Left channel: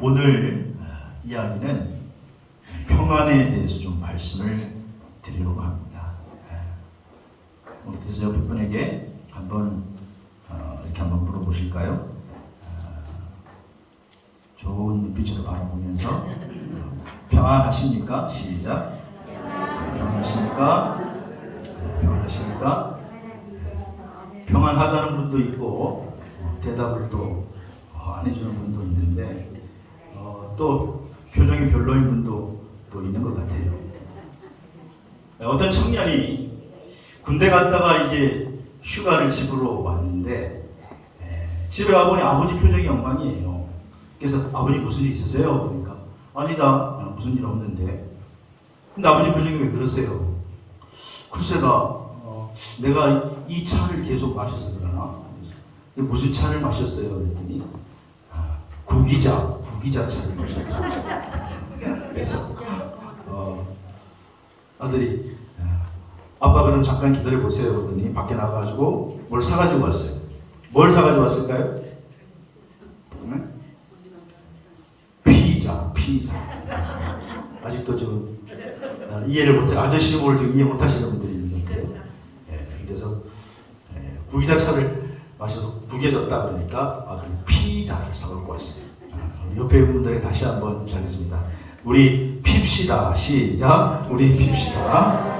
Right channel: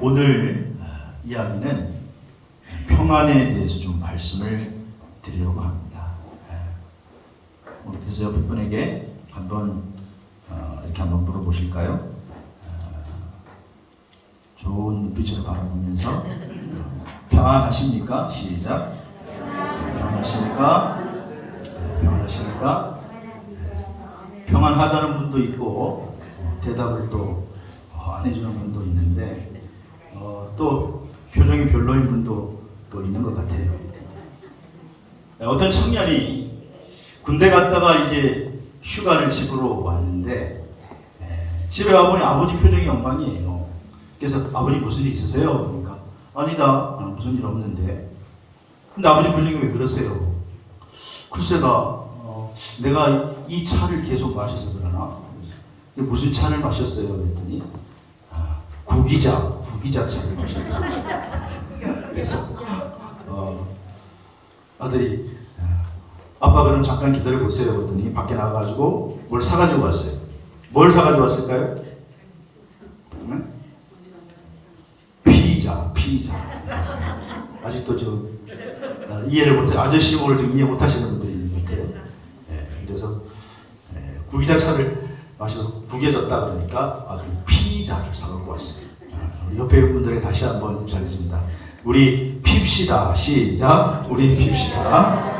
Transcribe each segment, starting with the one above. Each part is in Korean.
오늘 이야기는 평안에 대해서 좀 말씀을 드리려고 합니다. 그래서 옆에 분에게 한번 이렇게 한번 물어보실까요? 좋은 눈빛으로 바라보면서 평안하십니까? 시작. 평안하십니까? 평안하십니까? 평안하다는 분도 있고 대답을 또 안 해주는 분도 있는데 또 표정이 별로인 분도 또 있는 것 같아요. 어떤 청년이 군대 갔다가 이제 휴가를 집으로 왔는데 집에 와보니 아버지 표정이 엉망이에요. 그래서 아버지 무슨 일 있으세요? 그러니까 아니다, 무슨 일 없는데. 근데 아버지 표정이 왜 그러세요? 글쎄다, 내가 이 차를 계속 마셔서 그러나? 무슨 차를 마셨어요? 그랬더니 구기자 차를 마셨어요. 그래서 아들이 아빠 그럼 잠깐 기다려 보세요. 그랬더니 밖에 나가가지고 뭘 사가지고 왔어요. 뭘 사가지고 왔을까요? 피자. 아직도 이해를 못해. 아저씨 뭘 좀 이해 못하시는 분들이 있는 것 같아요. 그래서 구기자차를 마셔서 구겨졌다 그러니까 그 피자를 사갖고 왔어요. 옆에 분들에게 다시 한번 인사하겠습니다. 우리 핍시다. 시작. 우리 핍시다.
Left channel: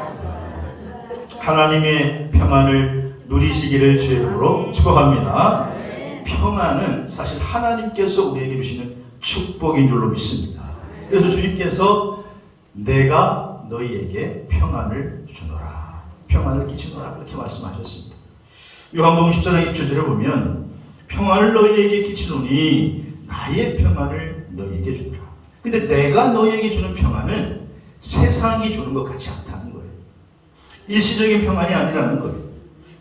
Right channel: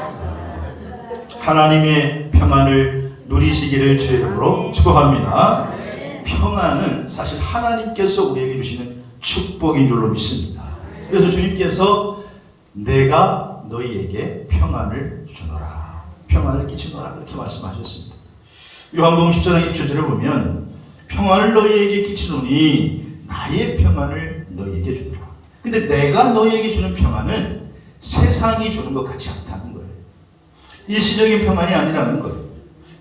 하나님의 평안을 누리시기를 주의 이름으로 축복합니다. 평안은 사실 하나님께서 우리에게 주시는 축복인 줄로 믿습니다. 그래서 주님께서 내가 너희에게 평안을 주노라, 평안을 끼치노라 이렇게 말씀하셨습니다. 요한복음 14장 1절에 보면 평안을 너희에게 끼치노니 나의 평안을 너희에게 주노라. 근데 내가 너희에게 주는 평안은 세상이 주는 것 같지 않다는 거예요. 일시적인 평안이 아니라는 거예요.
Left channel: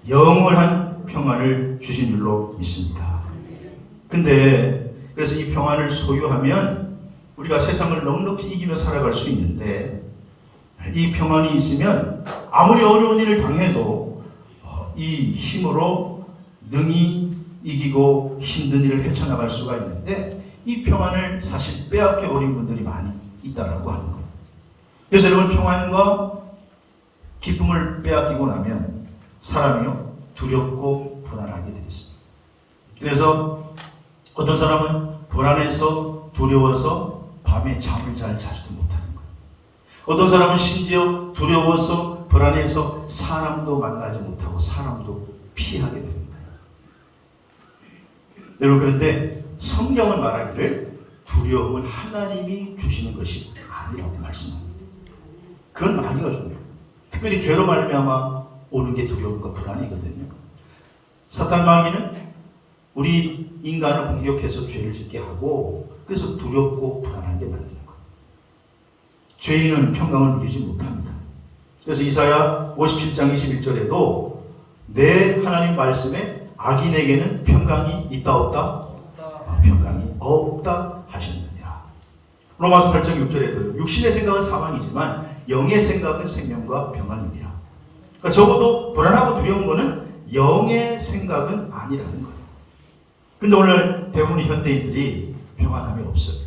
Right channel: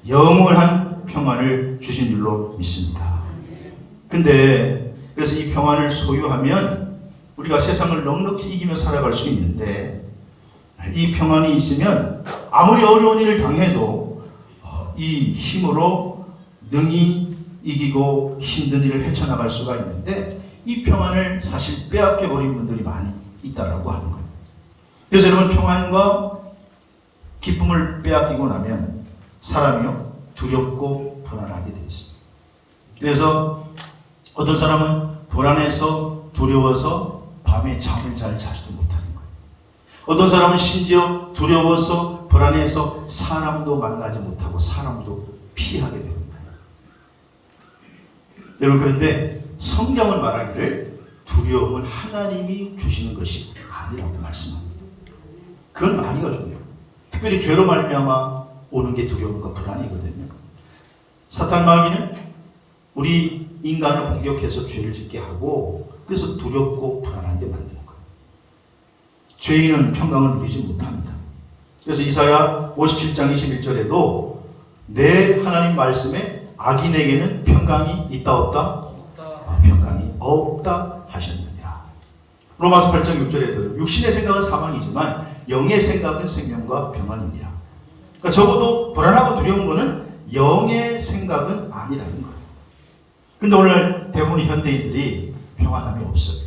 영원한 평안을 주신 줄로 믿습니다. 근데 그래서 이 평안을 소유하면 우리가 세상을 넉넉히 이기며 살아갈 수 있는데 이 평안이 있으면 아무리 어려운 일을 당해도 이 힘으로 능히 이기고 힘든 일을 헤쳐나갈 수가 있는데 이 평안을 사실 빼앗겨버린 분들이 많이 있다고 하는 거예요. 그래서 여러분, 평안과 기쁨을 빼앗기고 나면 사람이요 두렵고 불안하게 되어 있습니다. 그래서 어떤 사람은 불안해서 두려워서 밤에 잠을 잘 자지도 못하는 거예요. 어떤 사람은 심지어 두려워서 불안해서 사람도 만나지 못하고 사람도 피하게 됩니다. 여러분, 그런데 성경은 말하기를 두려움은 하나님이 주시는 것이 아니라고 말씀합니다. 그건 아니가 중요해요. 특별히 죄로 말미암아 오는 게 두려움과 불안이거든요. 사탄 마귀는 우리 인간을 공격해서 죄를 짓게 하고 그래서 두렵고 불안하게 만드는 거예요. 죄인은 평강을 누리지 못합니다. 그래서 이사야 57장 21절에도 내 하나님 말씀에 악인에게는 평강이 있다 없다? 평강이 없다 하셨느니라. 로마서 8장 6절에도 육신의 생각은 사망이지만 영의 생각은 생명과 평안이니라. 그러니까 적어도 불안하고 두려운 것은 영의 생각은 아니라는 거예요. 근데 오늘 대부분 현대인들이 평안함이 없어요.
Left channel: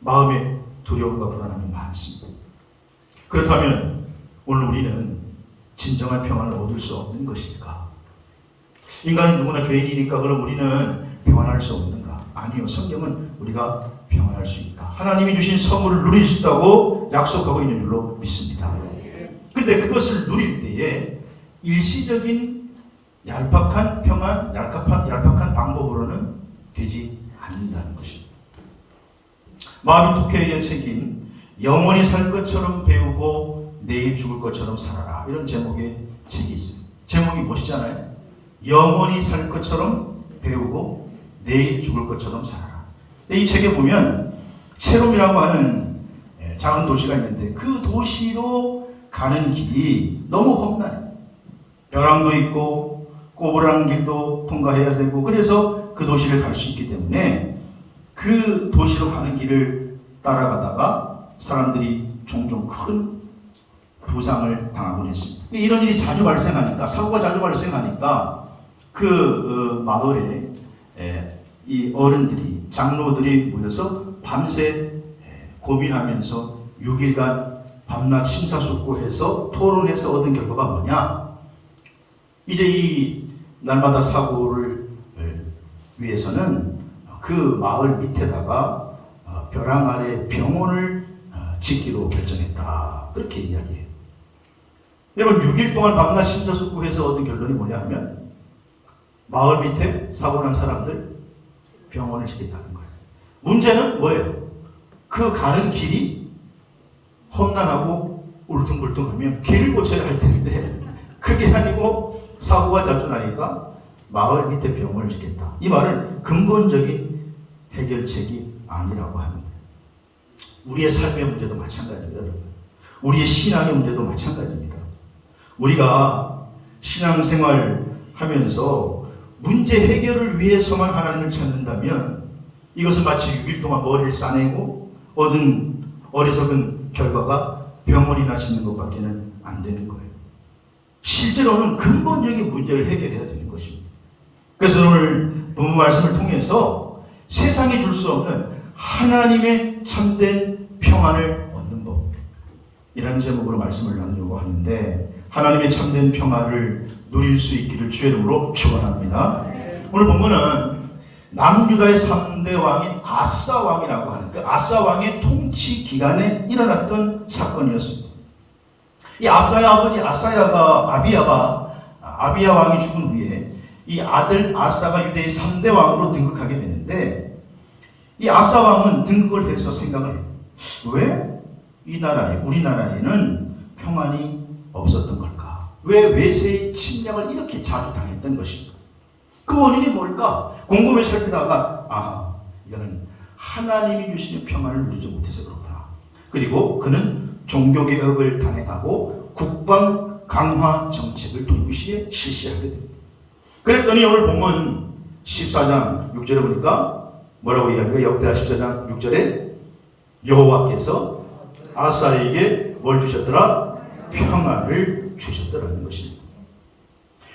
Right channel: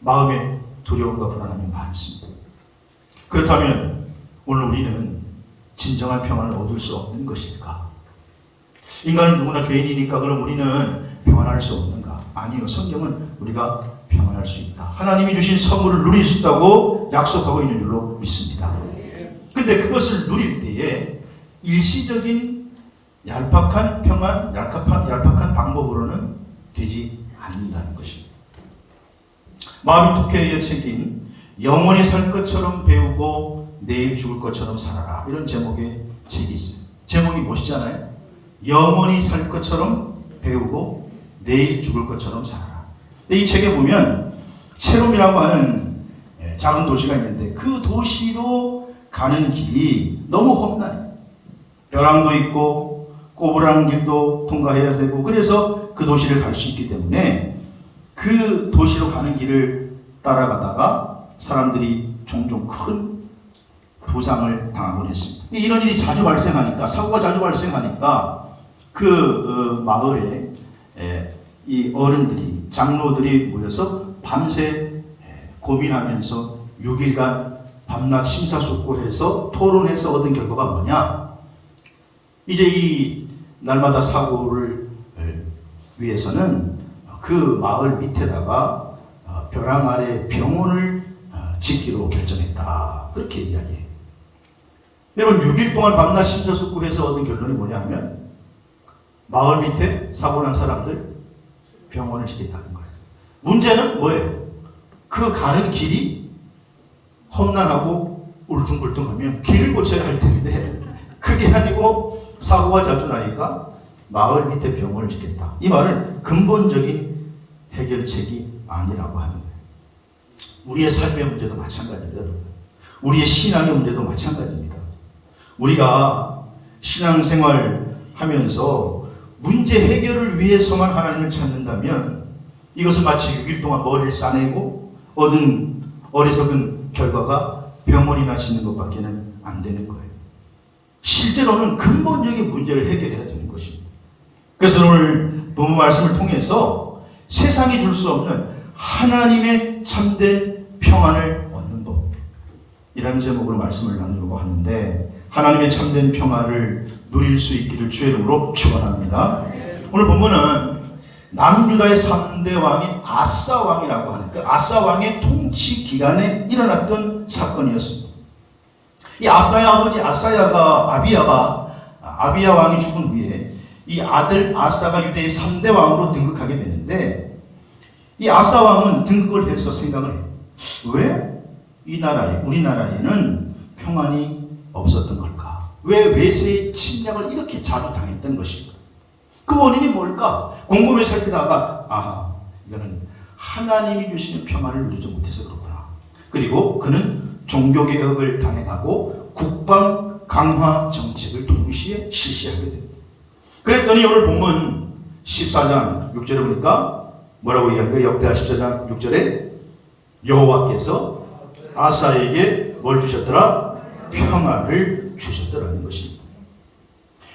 마음에 두려움과 불안함이 많습니다. 그렇다면 오늘 우리는 진정한 평안을 얻을 수 없는 것일까? 인간은 누구나 죄인이니까 그럼 우리는 평안할 수 없는가? 아니요. 성경은 우리가 평안할 수 있다. 하나님이 주신 선물을 누릴 수 있다고 약속하고 있는 줄로 믿습니다. 근데 그것을 누릴 때에 일시적인 얄팍한 평안, 얄팍한 방법으로는 되지 않는다는 것입니다. 마음이 독해에 책인 영원히 살 것처럼 배우고 내일 죽을 것처럼 살아라, 이런 제목의 책이 있어요. 제목이 멋있잖아요. 영원히 살 것처럼 배우고 내일 죽을 것처럼 살아라. 이 책에 보면 체롬이라고 하는 작은 도시가 있는데 그 도시로 가는 길이 너무 험난해요. 벼랑도 있고 꼬부랑 길도 통과해야 되고, 그래서 그 도시를 갈 수 있기 때문에 그 도시로 가는 길을 따라가다가 사람들이 종종 큰 부상을 당하곤 했습니다. 이런 일이 자주 발생하니까, 사고가 자주 발생하니까 그 마을에 이 어른들이, 장로들이 모여서 밤새 고민하면서 6일간 밤낮 심사숙고해서 토론해서 얻은 결과가 뭐냐? 이제 이 날마다 사고를 위해서는 그 마을 밑에다가 벼랑 아래 병원을 짓기로 결정했다. 그렇게 이야기해요. 여러분, 6일 동안 밤낮 심사숙고해서 얻은 결론이 뭐냐 하면 마을 밑에 사고 난 사람들 병원을 짓겠다는 거예요. 문제는 뭐예요? 그 가는 길이 험난하고 울퉁불퉁하면 길을 고쳐야 할 텐데 그게 아니고 사고가 자주 나니까 마을 밑에 병원을 짓겠다. 이 말은 근본적인 해결책이 아니라고 합니다. 우리의 삶의 문제도 마찬가지입니다. 우리의 신앙의 문제도 마찬가지입니다. 우리가 신앙생활 하면서 문제 해결을 위해서만 하나님을 찾는다면 이것은 마치 6일 동안 머리를 싸내고 얻은 어리석은 결과가 병원이나 짓는 것밖에는 안 되는 거예요. 실제로는 근본적인 문제를 해결해야 되는 것입니다. 그래서 오늘 본문 말씀을 통해서 세상이 줄 수 없는 하나님의 참된 평안을 얻는 법, 이라는 제목으로 말씀을 나누려고 하는데, 하나님의 참된 평안을 누릴 수 있기를 주의 이름으로 축원합니다. 오늘 본문은 남유다의 3대 왕인 아사 왕이라고 하는데, 아사 왕의 통치 기간에 일어났던 사건이었습니다. 이 아사의 아버지 아비야 왕이 죽은 후에 이 아들 아사가 유대의 3대 왕으로 등극하게 되는데, 이 아사 왕은 등극을 해서 생각을 해요. 왜 이 나라에, 우리나라에는 평안이 없었던 걸까? 왜 외세의 침략을 이렇게 자주 당했던 것인가? 그 원인이 뭘까? 곰곰이 살피다가 이거는 하나님이 주시는 평안을 누리지 못해서 그렇구나. 그리고 그는 종교개혁을 당해가고 국방 강화 정책을 동시에 실시하게 됩니다. 그랬더니 오늘 본문 14장 6절에 보니까 뭐라고 이야기해요? 역대하 14장 6절에 여호와께서 아사에게 뭘 주셨더라? 평안을 주셨더라는 것입니다.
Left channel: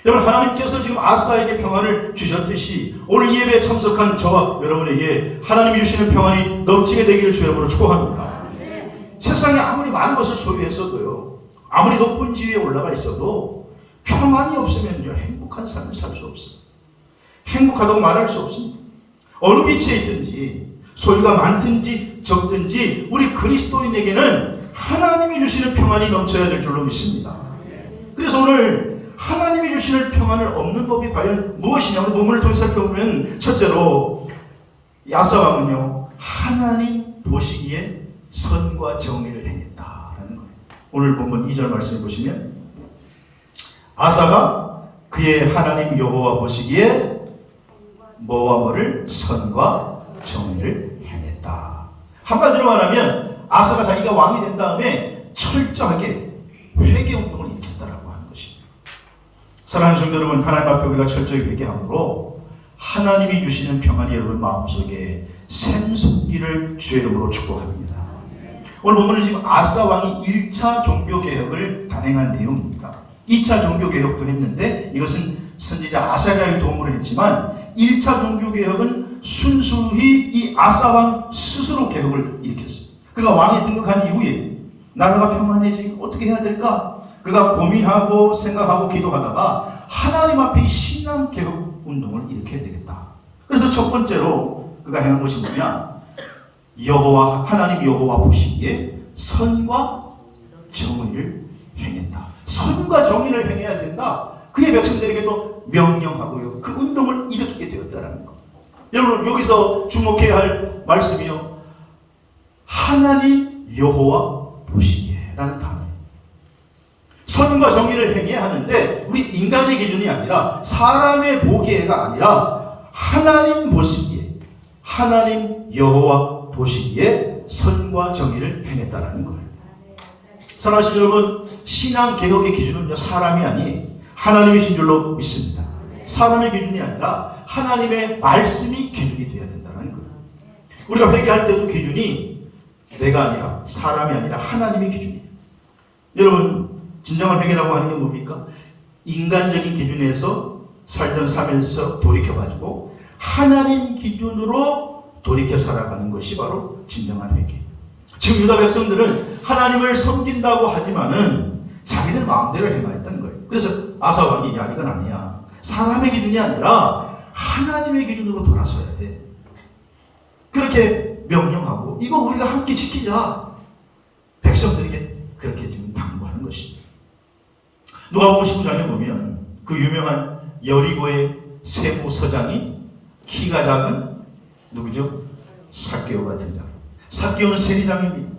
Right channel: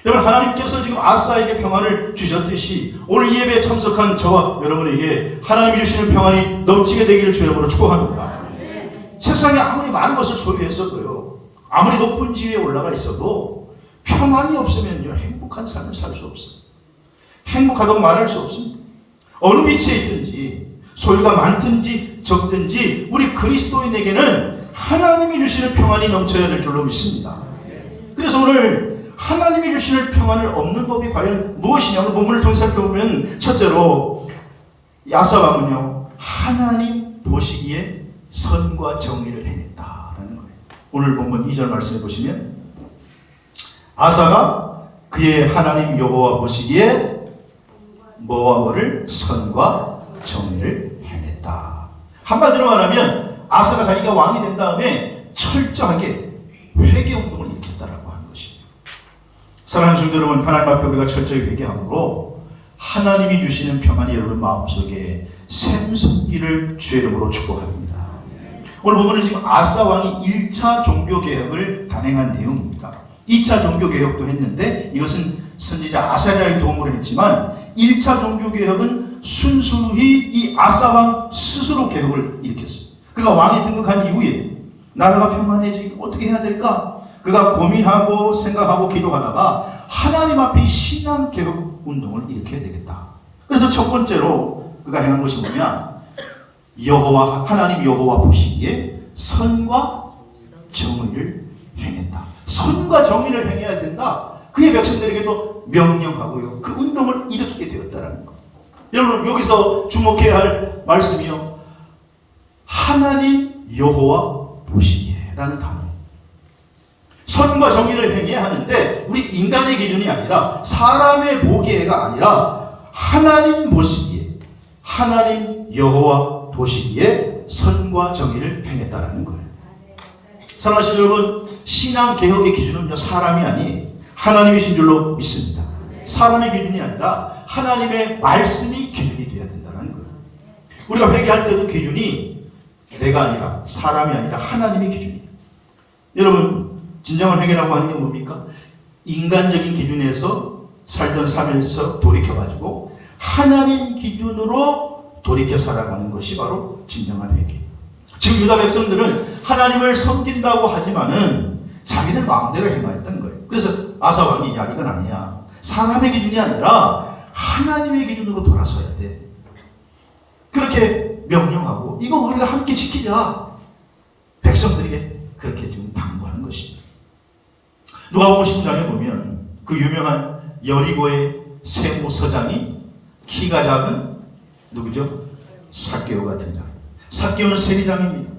여러분, 하나님께서 지금 아사에게 평안을 주셨듯이 오늘 이 예배에 참석한 저와 여러분에게 하나님이 주시는 평안이 넘치게 되기를 주의 이름으로 축복합니다. 세상에 아무리 많은 것을 소유했어도요, 아무리 높은 지위에 올라가 있어도 평안이 없으면요, 행복한 삶을 살 수 없어요. 행복하다고 말할 수 없습니다. 어느 위치에 있든지 소유가 많든지 적든지 우리 그리스도인에게는 하나님이 주시는 평안이 넘쳐야 될 줄로 믿습니다. 그래서 오늘 하나님이 주시는 평안을 얻는 법이 과연 무엇이냐고 본문을 통해 살펴보면, 첫째로 아사 왕은요, 하나님 보시기에 선과 정의를 해냈다라는 거예요. 오늘 본문 2절 말씀해 보시면, 아사가 그의 하나님 여호와 보시기에 뭐와 뭐를? 선과 정의를 해냈다. 한마디로 말하면 아사가 자기가 왕이 된 다음에 철저하게 회개운동을 일으켰다라고 하는 것입니다. 사랑하는 성도 여러분, 하나님 앞에 우리가 철저히 회개함으로 하나님이 주시는 평안이 여러분 마음속에 샘솟기를 주의 이름으로 축복합니다. 오늘 보면 지금 아사 왕이 1차 종교개혁을 단행한 내용입니다. 2차 종교개혁도 했는데 이것은 선지자 아사랴의 도움을 했지만 1차 종교개혁은 순수히 이 아사 왕 스스로 개혁을 일으켰습니다. 그가 왕이 등극한 이후에 나라가 평안해지고 어떻게 해야 될까? 그가 고민하고 생각하고 기도하다가 하나님 앞에 신앙 개혁 운동을 일으켜야 되겠다. 그래서 첫 번째로 그가 행한 것이 뭐냐? 하나님 여호와 보시기에 선과 정의를 행했다. 선과 정의를 행해야 된다. 그의 백성들에게도 명령하고요, 그 운동을 일으키게 되었다는 것. 여러분, 여기서 주목해야 할 말씀이요, 하나님 여호와 보시기에 라는 단어. 선과 정의를 행해야 하는데 우리 인간의 기준이 아니라 사람의 보기에가 아니라 하나님 보시기에, 하나님 여호와 보시기에 선과 정의를 행했다라는 거예요. 사랑하시는 여러분, 신앙개혁의 기준은요, 사람이 아니 하나님이신 줄로 믿습니다. 사람의 기준이 아니라 하나님의 말씀이 기준이 되어야 된다는 거예요. 우리가 회개할 때도 기준이 내가 아니라, 사람이 아니라 하나님의 기준이에요. 여러분, 진정한 회개라고 하는 게 뭡니까? 인간적인 기준에서 살던 삶에서 돌이켜가지고 하나님 기준으로 돌이켜 살아가는 것이 바로 진정한 회개. 지금 유다 백성들은 하나님을 섬긴다고 하지만은 자기들 마음대로 행하였던 거예요. 그래서 아사 왕이 야 이건 아니야. 사람의 기준이 아니라 하나님의 기준으로 돌아서야 돼. 그렇게 명령하고 이거 우리가 함께 지키자. 백성들에게 그렇게 지금 당부하는 것입니다. 누가복음 10장에 보면 그 유명한 여리고의 세고 서장이 키가 작은 누구죠? 삭개오가 등장. 삭개오는 세리장입니다.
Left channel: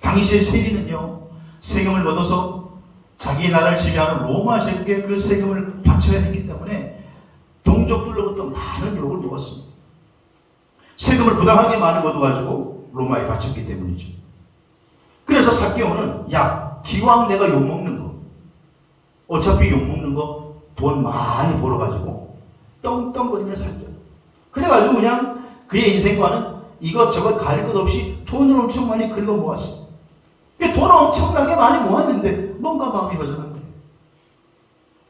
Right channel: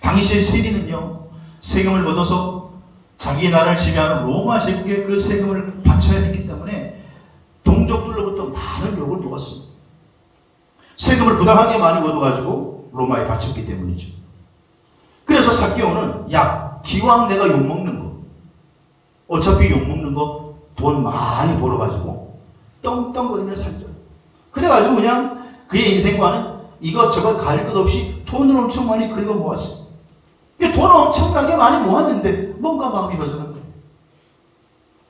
당시의 세리는요, 세금을 얻어서 자기의 나라를 지배하는 로마 제국에 그 세금을 바쳐야 했기 때문에 동족들로부터 많은 욕을 먹었습니다. 세금을 부당하게 많이 얻어가지고 로마에 바쳤기 때문이죠. 그래서 삭개오는 야, 기왕 내가 욕먹는 거, 어차피 욕먹는 거 돈 많이 벌어가지고 떵떵거리며 살죠. 그래가지고 그냥 그의 인생과는 이것저것 가릴 것 없이 돈을 엄청 많이 긁어 모았어요. 돈을 엄청나게 많이 모았는데 뭔가 마음이 허전한 거예요.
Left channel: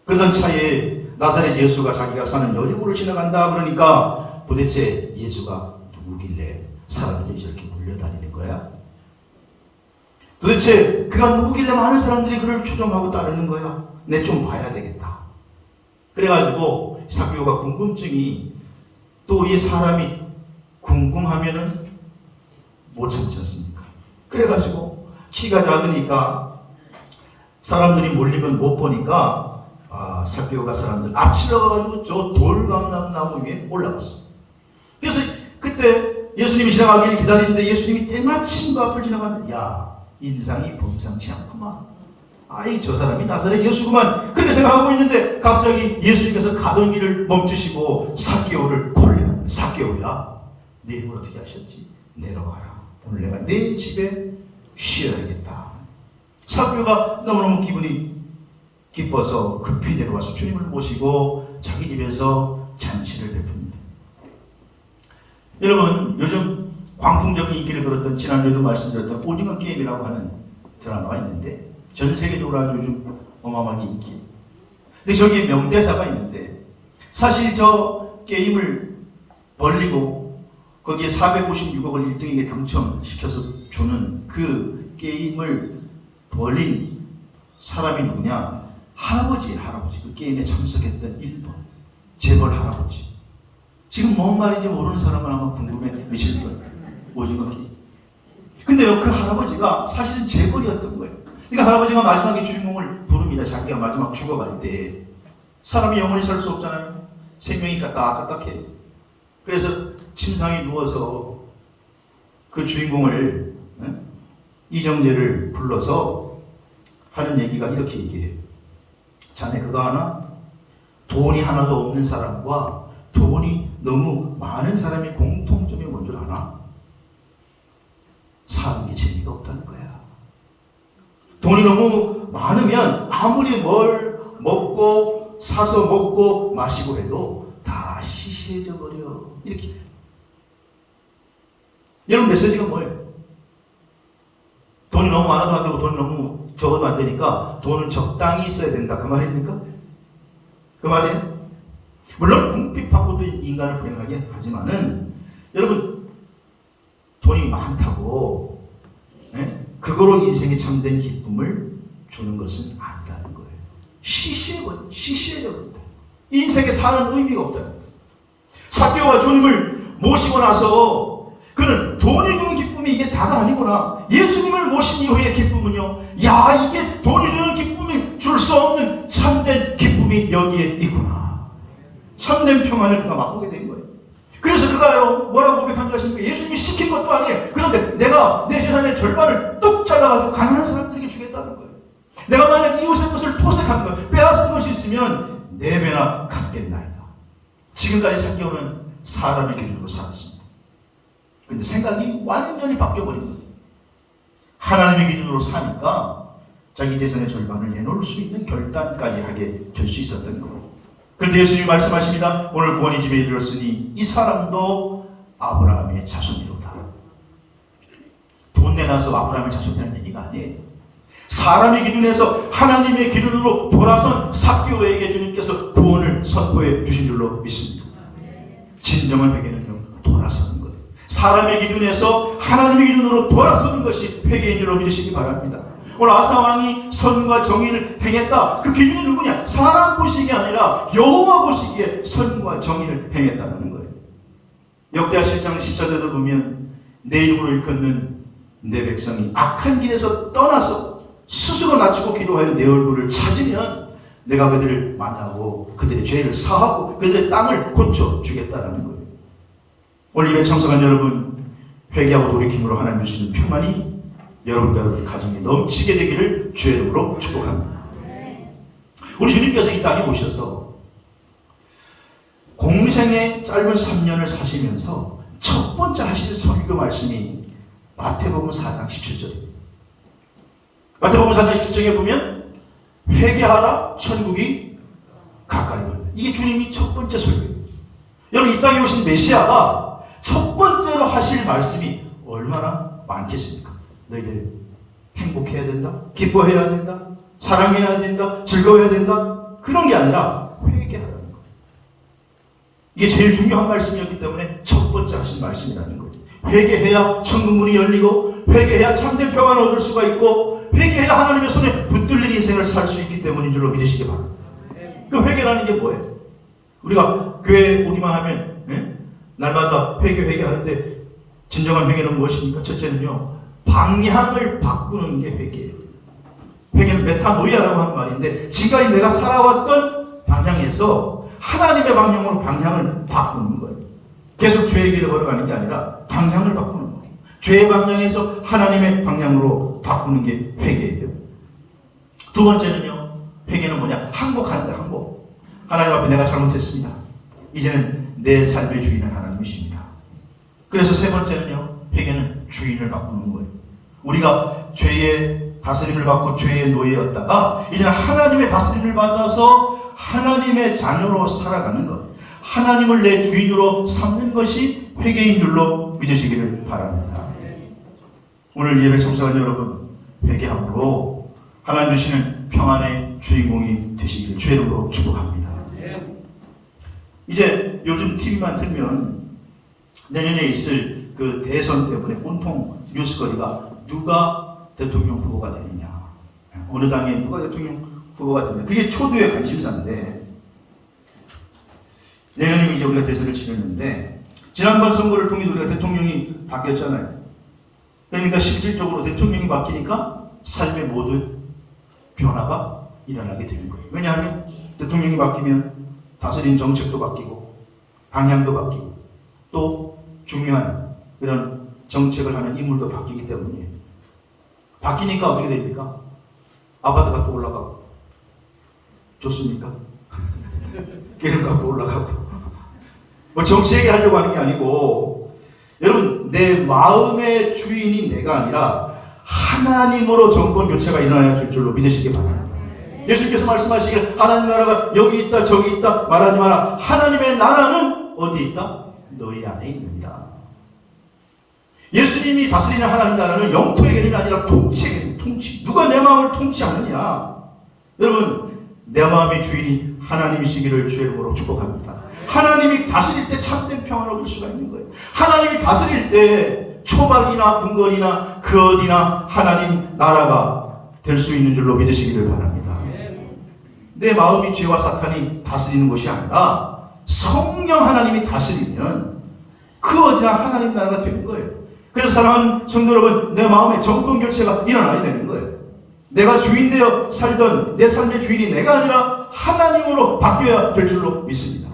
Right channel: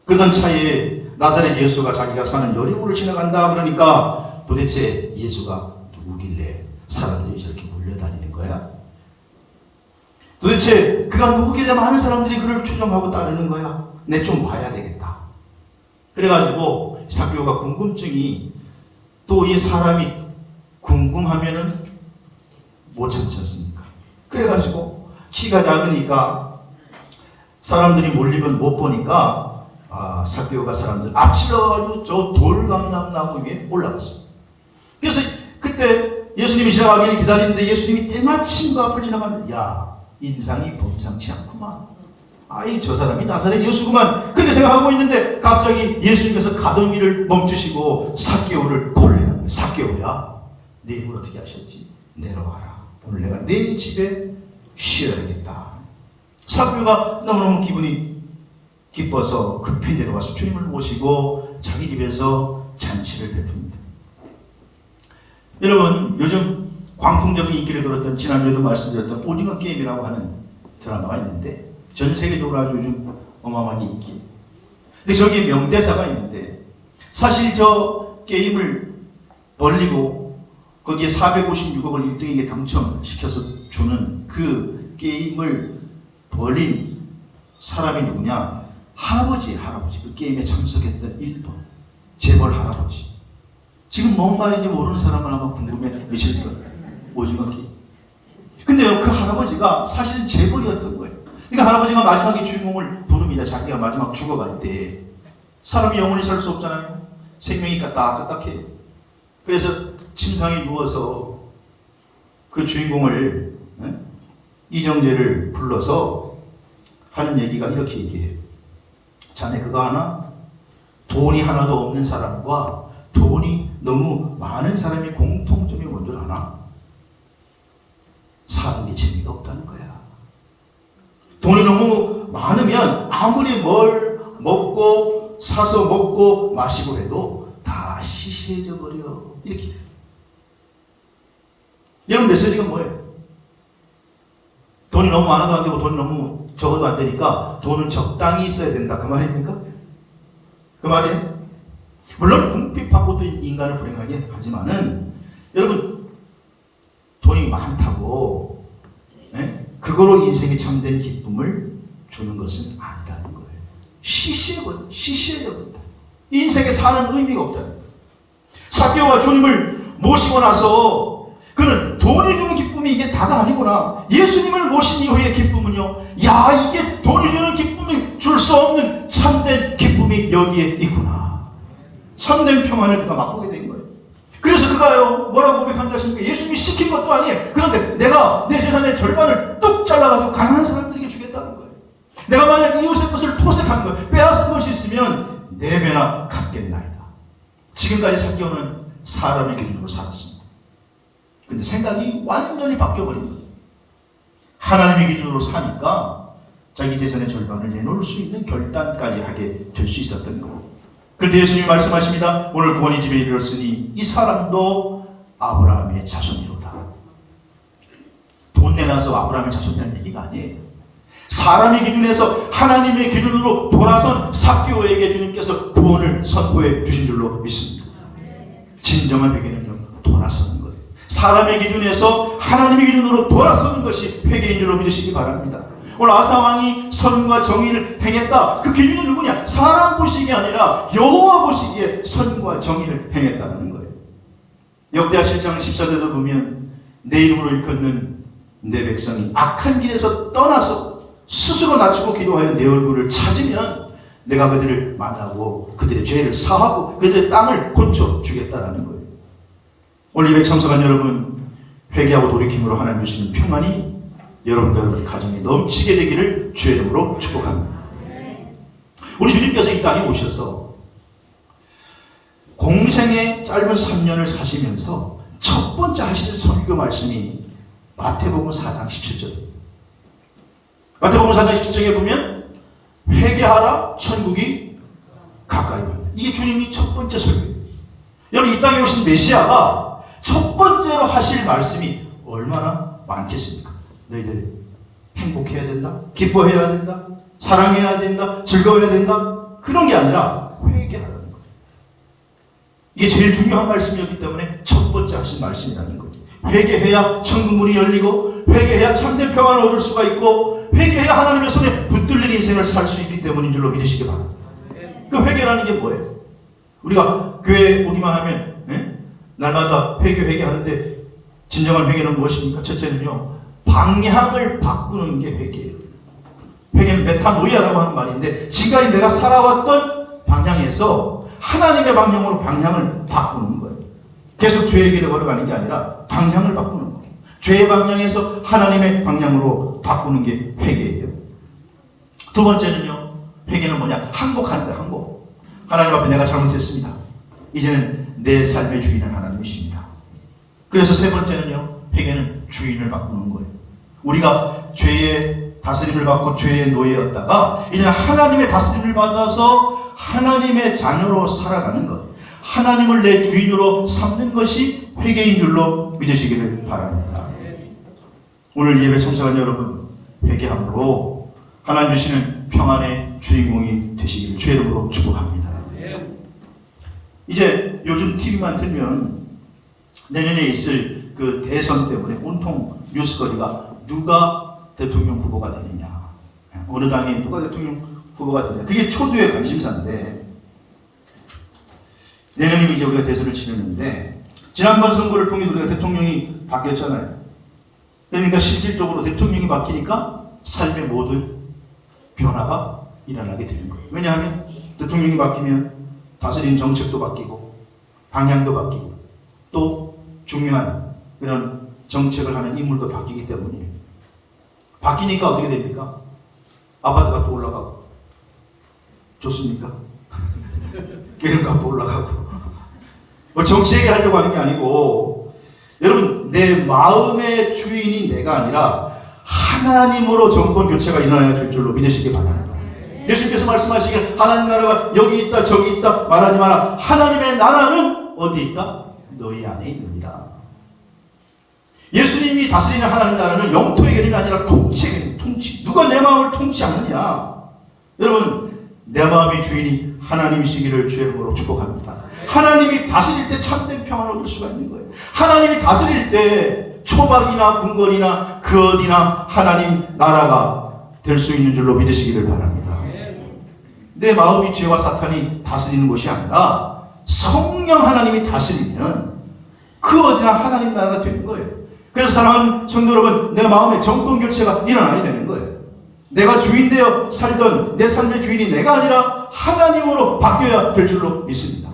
그러던 차에 나사렛 예수가 자기가 사는 여리고를 지나간다 그러니까 도대체 예수가 누구길래 사람들이 저렇게 몰려다니는 거야? 도대체 그가 누구길래 많은 사람들이 그를 추종하고 따르는 거야? 내 좀 봐야 되겠다. 그래가지고 삭개오가 궁금증이 또 이 사람이 궁금하면은 못 참지 않습니까? 그래가지고 키가 작으니까 사람들이 몰리면 못 보니까 삭개오가 사람들 앞질러가지고 저 돌감나무 위에 올라갔어. 그래서 그때 예수님이 지나가기를 기다리는데 예수님이 때마침 그 앞을 지나가는데 야, 인상이 범상치 않구만. 아이, 저 사람이 나사렛 예수구만. 그렇게 생각하고 있는데 갑자기 예수님께서 가던 길을 멈추시고 삭개오를 콜. 삭개오야, 네 입을 어떻게 하셨지? 내려와라. 오늘 내가 내 집에 쉬어야겠다. 삭개오가 너무너무 기분이 기뻐서 급히 내려와서 주님을 모시고 자기 집에서 잔치를 베풉니다. 여러분, 요즘 광풍적인 인기를 끌었던 지난주에도 말씀드렸던 오징어 게임이라고 하는 드라마가 있는데 전 세계적으로 아주 요즘 어마어마하게 인기. 근데 저기에 명대사가 있는데 사실 저 게임을 벌리고 거기에 456억을 1등에게 당첨시켜서 주는 그 게임을 벌린 사람이 누구냐? 할아버지. 그 게임에 참석했던 일본 재벌 할아버지. 지금 뭔 말인지 모르는 사람은 아마 궁금해 미칠 거예요. 오징어 게임. 근데요, 그 할아버지가 사실은 재벌이었던 거예요. 그러니까 할아버지가 마지막에 주인공을 부릅니다. 자기가 마지막 죽어갈 때. 사람이 영원히 살 수 없잖아요. 생명이 까딱까딱해. 그래서 침상에 누워서 그 주인공을, 이정재를 불러서 하는 얘기가 이렇게 얘기해요. 자네 그거 아나? 돈이 하나도 없는 사람과 돈이 너무 많은 사람이 공통점이 뭔 줄 아나? 사는 게 재미가 없다는 거야. 돈이 너무 많으면 아무리 뭘 먹고 사서 먹고 마시고 해도 다 시시해져 버려. 이렇게. 여러분 메시지가 뭐예요? 돈이 너무 많아도 안 되고 돈이 너무 적어도 안 되니까 돈은 적당히 있어야 된다. 그 말입니까? 그 말이에요? 물론 궁핍하고도 인간을 불행하게 하지만은 여러분 돈이 많다고 그거로 인생에 참된 기쁨을 주는 것은 아니라는 거예요. 시시해져버린다. 인생에 사는 의미가 없다. 삭개오와 주님을 모시고 나서 그는 돈이 주는 기쁨이 이게 다가 아니구나. 예수님을 모신 이후의 기쁨은요, 야, 이게 돈이 주는 기쁨이 줄 수 없는 참된 기쁨이 여기에 있구나. 참된 평안을 그가 맛보게 된 거예요. 그래서 그가요, 뭐라고 고백한 줄 아십니까? 예수님이 시킨 것도 아니에요. 그런데 내가 내 재산의 절반을 뚝 잘라가지고 가난한 사람들에게 주겠다는 거예요. 내가 만약 이웃의 것을 토색한 거, 빼앗은 것이 있으면 4배나 갚겠나이다. 지금까지 삭개오는 사람의 기준으로 살았습니다. 근데 생각이 완전히 바뀌어버린 거예요. 하나님의 기준으로 사니까 자기 재산의 절반을 내놓을 수 있는 결단까지 하게 될 수 있었던 거예요. 그런데 예수님이 말씀하십니다. 오늘 구원의 집에 이르렀으니 이 사람도 아브라함의 자손이로다. 돈 내놔서 아브라함의 자손이라는 얘기가 아니에요. 사람의 기준에서 하나님의 기준으로 돌아선 삭개오에게 주님께서 구원을 선포해 주신 줄로 믿습니다. 진정한 회개는요, 돌아서는 거예요. 사람의 기준에서 하나님의 기준으로 돌아서는 것이 회개인 줄로 믿으시기 바랍니다. 오늘 아사 왕이 선과 정의를 행했다. 그 기준이 누구냐? 사람 보시기에 아니라 여호와 보시기에 선과 정의를 행했다는 거예요. 역대하 7장 14절도 보면 내 이름으로 일컫는 내 백성이 악한 길에서 떠나서 스스로 낮추고 기도하여 내 얼굴을 찾으면 내가 그들을 만나고 그들의 죄를 사하고 그들의 땅을 고쳐주겠다라는 거예요. 오늘 예배 참석한 여러분, 회개하고 돌이킴으로 하나님 주시는 평안이 여러분과 여러분 가정에 넘치게 되기를 주의 이름으로 축복합니다. 우리 주님께서 이 땅에 오셔서 공생의 짧은 3년을 사시면서 첫 번째 하시는 설교 말씀이 마태복음 4장 17절. 마태복음 4장 17절에 보면 회개하라, 천국이 가까이 있다. 이게 주님이 첫 번째 설교예요. 여러분, 이 땅에 오신 메시아가 첫 번째로 하실 말씀이 얼마나 많겠습니까? 너희들 행복해야 된다, 기뻐해야 된다, 사랑해야 된다, 즐거워야 된다, 그런 게 아니라 회개하라는 거예요. 이게 제일 중요한 말씀이었기 때문에 첫 번째 하신 말씀이라는 거예요. 회개해야 천국 문이 열리고, 회개해야 참된 평안을 얻을 수가 있고, 회개해야 하나님의 손에 붙들린 인생을 살 수 있기 때문인 줄로 믿으시기 바랍니다. 그 회개라는 게 뭐예요? 우리가 교회에 오기만 하면 날마다 회개하는데 진정한 회개는 무엇입니까? 첫째는요, 방향을 바꾸는 게 회개예요. 회개는 메타노이아라고 하는 말인데, 지금까지 내가 살아왔던 방향에서 하나님의 방향으로 방향을 바꾸는 거예요. 계속 죄의 길을 걸어가는 게 아니라 방향을 바꾸는 거예요. 죄의 방향에서 하나님의 방향으로 바꾸는 게 회개예요. 두 번째는요, 회개는 뭐냐? 항복하는 거예요. 항복. 하나님 앞에 내가 잘못했습니다. 이제는 내 삶의 주인은 하나님이십니다. 그래서 세 번째는요, 회개는 주인을 바꾸는 거예요. 우리가 죄의 다스림을 받고 죄의 노예였다가 이제는 하나님의 다스림을 받아서 하나님의 자녀로 살아가는 것, 하나님을 내 주인으로 삼는 것이 회개인 줄로 믿으시기를 바랍니다. 오늘 예배 참석한 여러분, 회개함으로 하나님 주시는 평안의 주인공이 되시기를 주의 이름으로 축복합니다. 이제 요즘 TV만 틀면 내년에 있을 그 대선 때문에 온통 뉴스거리가 누가 대통령 후보가 되느냐, 어느 당에 누가 대통령 후보가 되느냐, 그게 초두의 관심사인데, 내년이면 이제 우리가 대선을 치르는데 지난번 선거를 통해 우리가 대통령이 바뀌었잖아요. 그러니까 실질적으로 대통령이 바뀌니까 삶의 모든 변화가 일어나게 되는 거예요. 왜냐하면 대통령이 바뀌면 다스린 정책도 바뀌고 방향도 바뀌고 또 중요한 그런 정책을 하는 인물도 바뀌기 때문이에요. 바뀌니까 어떻게 됩니까? 아파트 값도 올라가고, 좋습니까? 기름값도 올라가고. 뭐 정치 얘기하려고 하는 게 아니고, 여러분, 내 마음의 주인이 내가 아니라 하나님으로 정권 교체가 일어나야 될 줄로 믿으시기 바랍니다. 예수님께서 말씀하시길 하나님 나라가 여기 있다 저기 있다 말하지 마라. 하나님의 나라는 어디 있다? 너희 안에 있느니라. 예수님이 다스리는 하나님 나라는 영토의 개념이 아니라 통치의 개념, 통치. 누가 내 마음을 통치하느냐? 여러분, 내 마음의 주인이 하나님이시기를 주의 이름으로 축복합니다. 하나님이 다스릴 때 참된 평안을 얻을 수가 있는 거예요. 하나님이 다스릴 때 초박이나 궁궐이나 그 어디나 하나님 나라가 될 수 있는 줄로 믿으시기를 바랍니다. 내 마음이 죄와 사탄이 다스리는 것이 아니라 성령 하나님이 다스리면 그 어디나 하나님 나라가 되는 거예요. 그래서 사랑하는 성도 여러분, 내 마음의 정권 교체가 일어나야 되는 거예요. 내가 주인 되어 살던 내 삶의 주인이 내가 아니라 하나님으로 바뀌어야 될 줄로 믿습니다.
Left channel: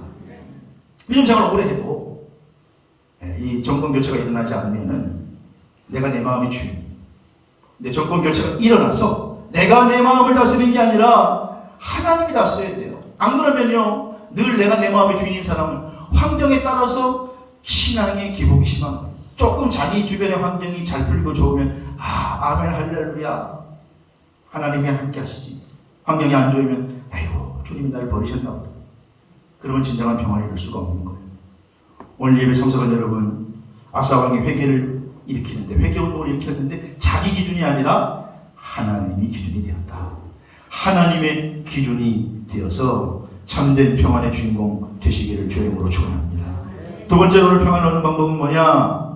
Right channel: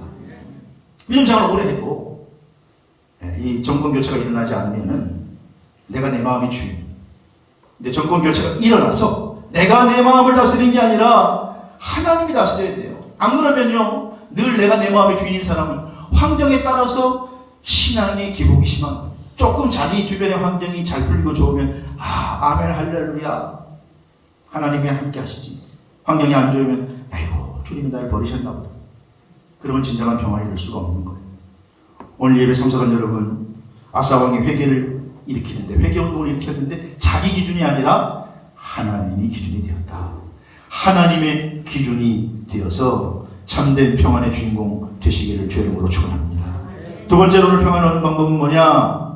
믿음장을 오래 했고, 이 정권 교체가 일어나지 않으면 내가 내 마음의 주인, 내 정권 교체가 일어나서 내가 내 마음을 다스리는 게 아니라 하나님이 다스려야 돼요. 안 그러면요, 늘 내가 내 마음의 주인인 사람은 환경에 따라서 신앙의 기복이 심한 거예요. 조금 자기 주변의 환경이 잘 풀리고 좋으면 아멘 할렐루야 하나님이 함께 하시지. 환경이 안 좋으면 아이고 주님이 날 버리셨나 보다. 그러면 진정한 평안을 볼 수가 없는 거예요. 오늘 예배 참석한 여러분, 아사왕이 회개를 일으키는데, 회개운동을 일으켰는데 자기 기준이 아니라 하나님이 기준이 되었다. 하나님의 기준이 되어서 참된 평안의 주인공 되시기를 주의 이름으로 축원합니다. 두 번째로 오늘 평안을 얻는 방법은 뭐냐?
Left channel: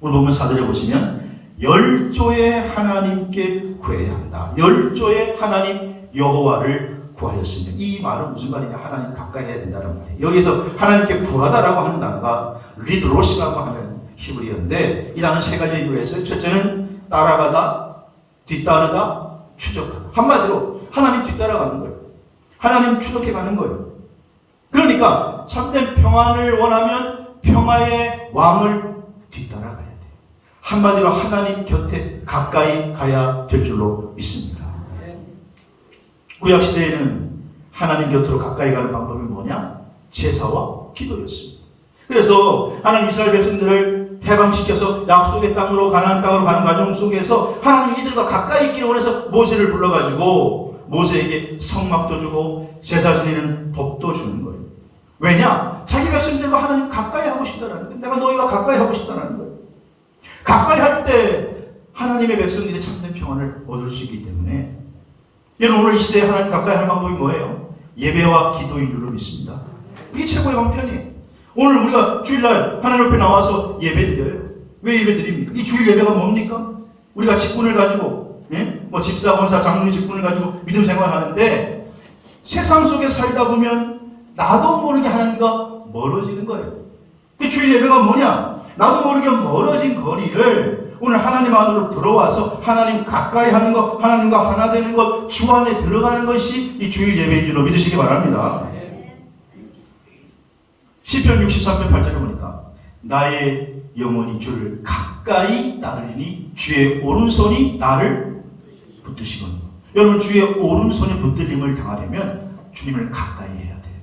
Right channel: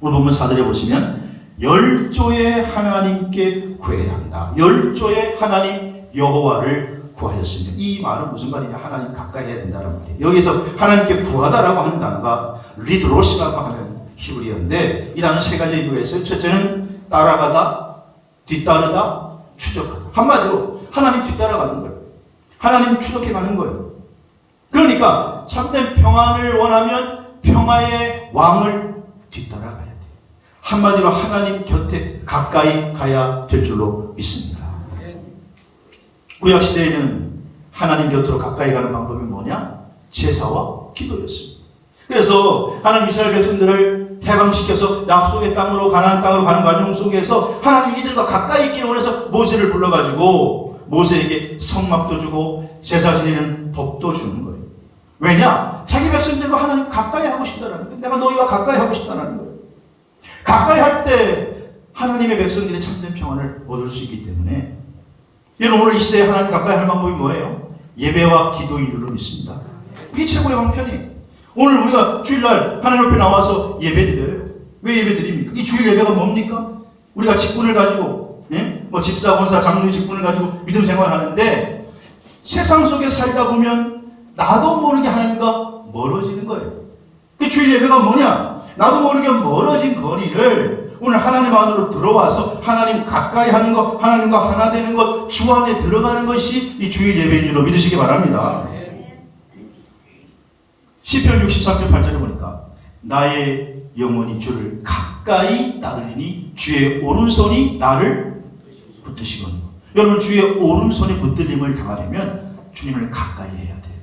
오늘 보면 4절에 보시면 열조의 하나님께 구해야 합니다. 열조의 하나님 여호와를 구하였으면, 이 말은 무슨 말이냐? 하나님 가까이 해야 된다는 말이에요. 여기서 하나님께 구하다라고 하는 단어가 리드로시라고 하는 히브리어인데, 이 단어는 세 가지 의미가 있어요. 첫째는 따라가다, 뒤따르다, 추적하다. 한마디로 하나님 뒤따라가는 거예요. 하나님 추적해 가는 거예요. 그러니까 참된 평안을 원하면 평화의 왕을 뒤따라가야 돼요. 한마디로 하나님 곁에 가까이 가야 될 줄로 믿습니다. 구약시대에는 하나님 곁으로 가까이 가는 방법이 뭐냐? 제사와 기도였습니다. 그래서 하나님 이스라엘 백성들을 해방시켜서 약속의 땅으로, 가나안 땅으로 가는 과정 속에서 하나님 이들과 가까이 있기를 원해서 모세를 불러가지고 모세에게 성막도 주고 제사 지내는 법도 주는 거예요. 왜냐? 자기 백성들과 하나님 가까이 하고 싶다라는 거예요. 내가 너희와 가까이 하고 싶다라는 거예요. 가까이 할 때 하나님의 백성들이 참된 평안을 얻을 수 있기 때문에, 여러분 오늘 이 시대에 하나님 가까이 할 방법이 뭐예요? 예배와 기도인 줄로 믿습니다. 이게 최고의 방편이에요. 오늘 우리가 주일날 하나님 앞에 나와서 예배드려요. 왜 예배드립니까? 이 주일 예배가 뭡니까? 우리가 직분을 가지고, 뭐 집사, 권사, 장로 직분을 가지고 믿음 생활하는데, 세상 속에 살다 보면 나도 모르게 하나님과 멀어지는 거예요. 그 주일 예배가 뭐냐? 나도 모르게 멀어진 거리를 오늘 하나님 안으로 들어와서 하나님 가까이 하는 것, 하나님과 하나 되는 것, 주 안에 들어가는 것이 이 주일 예배인 줄로 믿으시기 바랍니다. 시편 63편 8절에 보니까 나의 영혼이 주를 가까이 따르리니 주의 오른손이 나를 붙드시거니와. 여러분 주의 오른손이 붙들림을 당하려면 주님을 가까이 해야 돼요.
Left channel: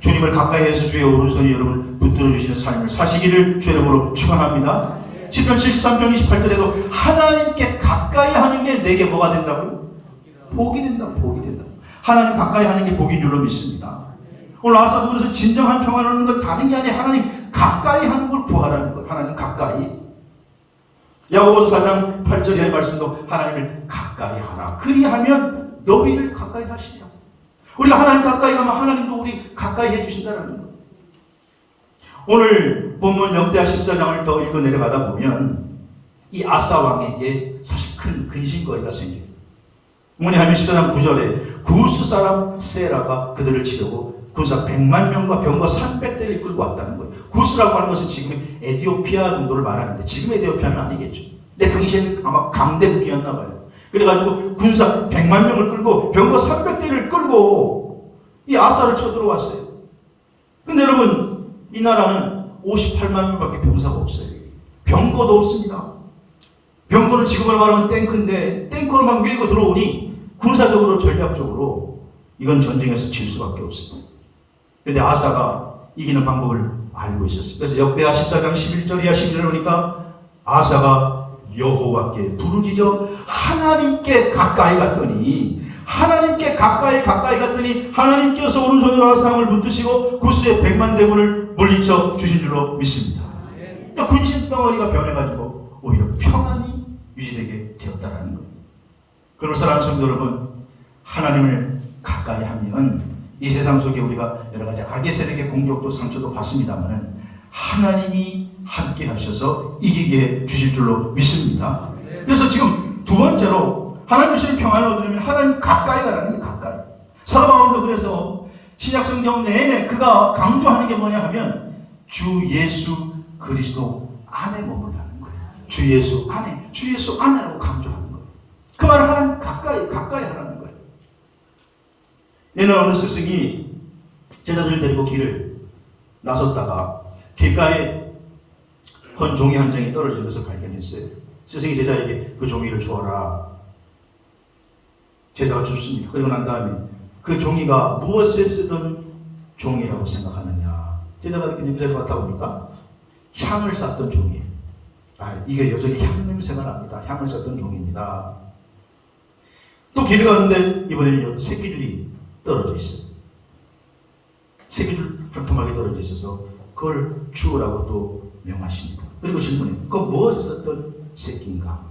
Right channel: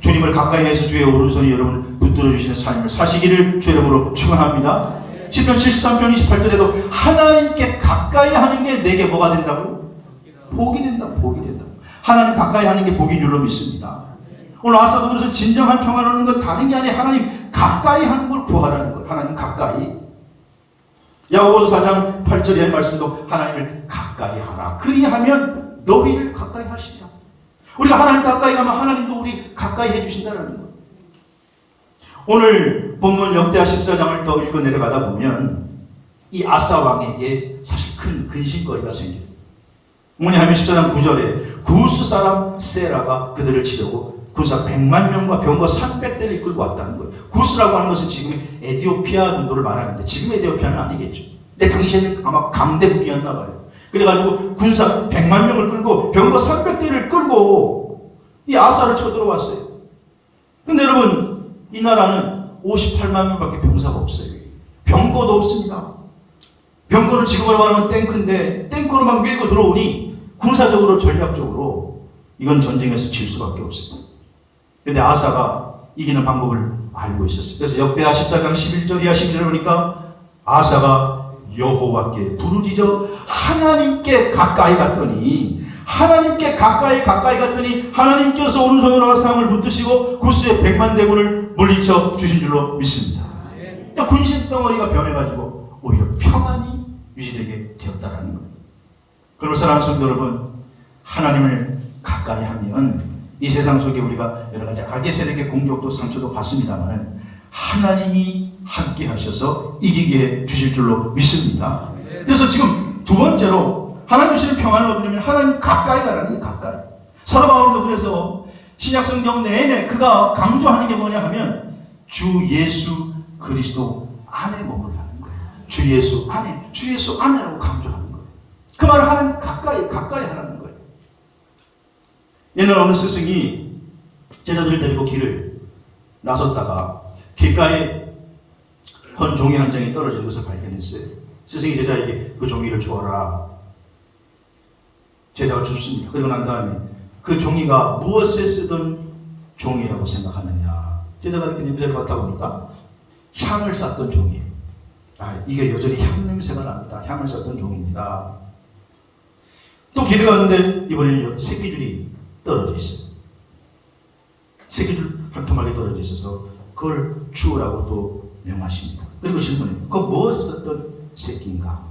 주님을 가까이 해서 주의 오른손이 여러분 붙들어 주시는 삶을 사시기를 주의 이름으로 축원합니다. 시편 73편 28절에도 하나님께 가까이 하는 게 내게 뭐가 된다고요? 복이 된다. 복이 된다. 하나님 가까이 하는 게 복인 줄로 믿습니다. 오늘 아사도 그래서 진정한 평안을 얻는 건 다른 게 아니라 하나님 가까이 하는 걸 구하라는 거예요. 하나님 가까이. 야고보서 4장 8절의 말씀도 하나님을 가까이 하라. 그리하면 너희를 가까이 하시리라. 우리가 하나님 가까이 가면 하나님도 우리 가까이 해주신다는 거예요. 오늘 본문 역대하 14장을 더 읽어 내려가다 보면 이 아사 왕에게 사실 큰 근심거리가 생겨요. 뭐냐면 14장 9절에 구스 사람 세라가 그들을 치려고 군사 100만 명과 병거 300대를 끌고 왔다는 거예요. 구스라고 하는 것은 지금 에티오피아 정도를 말하는데 지금 에티오피아는 아니겠죠. 근데 당시에는 아마 강대국이었나 봐요. 그래가지고 군사 100만 명을 끌고 병거 300대를 끌고 이 아사를 쳐들어왔어요. 근데 여러분 이 나라는 58만 명밖에 병사가 없어요. 병거도 없습니다. 병거는 지금으로 말하면 탱크인데 탱크로 막 밀고 들어오니 군사적으로 전략적으로 이건 전쟁에서 질 수밖에 없어요. 근데 아사가 이기는 방법을 알고 있었어요. 그래서 역대하 14장 11절 이하 12절을 보니까 아사가 여호와께 부르짖어 하나님께 가까이 갔더니 하나님께서 오른손으로 아사왕을 붙드시고 구스의 100만 대군을 물리쳐 주신 줄로 믿습니다. 그러니까 군심 덩어리가 변해가지고 오히려 평안이 유지되게 되었다는 거예요. 그런 사랑 성도 여러분, 하나님을 가까이 하면 이 세상 속에 우리가 여러 가지 악의 세력의 공격도 상처도 받습니다만 하나님이 함께 하셔서 이기게 해 주실 줄로 믿습니다. 그래서 지금 두 번째로 하나님 주시는 평안을 얻으려면 하나님 가까이 가라는 게 가까이. 사도 바울도 그래서 신약성경 내내 그가 강조하는 게 뭐냐 하면 주 예수 그리스도 안에 머물라는 거예요. 주 예수 안에라고 강조하는 거예요. 그 말은 하나님 가까이 하라는 거예요. 옛날 어느 스승이 제자들을 데리고 길을 나섰다가 길가에 헌 종이 한 장이 떨어져 있어서 발견했어요. 스승이 제자에게 그 종이를 주어라. 제자가 줍습니다. 그리고 난 다음에 그 종이가 무엇에 쓰던 종이라고 생각하느냐. 제자가 이렇게 냄새를 맡다 보니까 향을 쌌던 종이에요. 이게 여전히 향 냄새가 납니다. 향을 쌌던 종입니다. 또 길에 갔는데 이번에는 새끼줄이 떨어져 있어요. 새끼줄 한 토막이 떨어져 있어서 그걸 주우라고 또 명하십니다. 그리고 질문해요. 그거 무엇에 썼던 새끼인가?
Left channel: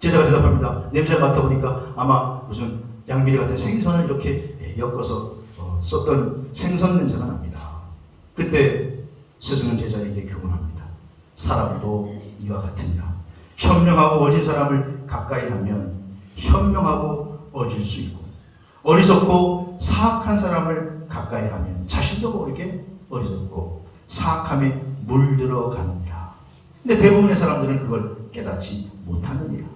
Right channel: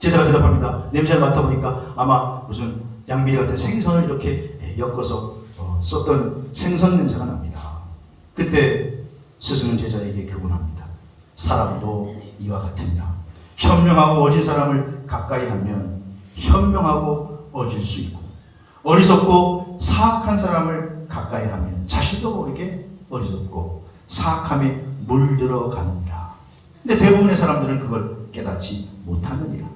제자가 대답합니다. 냄새를 맡아보니까 아마 무슨 양미리 같은 생선을 이렇게 엮어서 썼던 생선 냄새가 납니다. 그때 스승은 제자에게 교훈합니다. 사람도 이와 같으니라. 현명하고 어린 사람을 가까이 하면 현명하고 어질 수 있고, 어리석고 사악한 사람을 가까이 하면 자신도 모르게 어리석고 사악함에 물들어가느니라. 근데 대부분의 사람들은 그걸 깨닫지 못하느니라.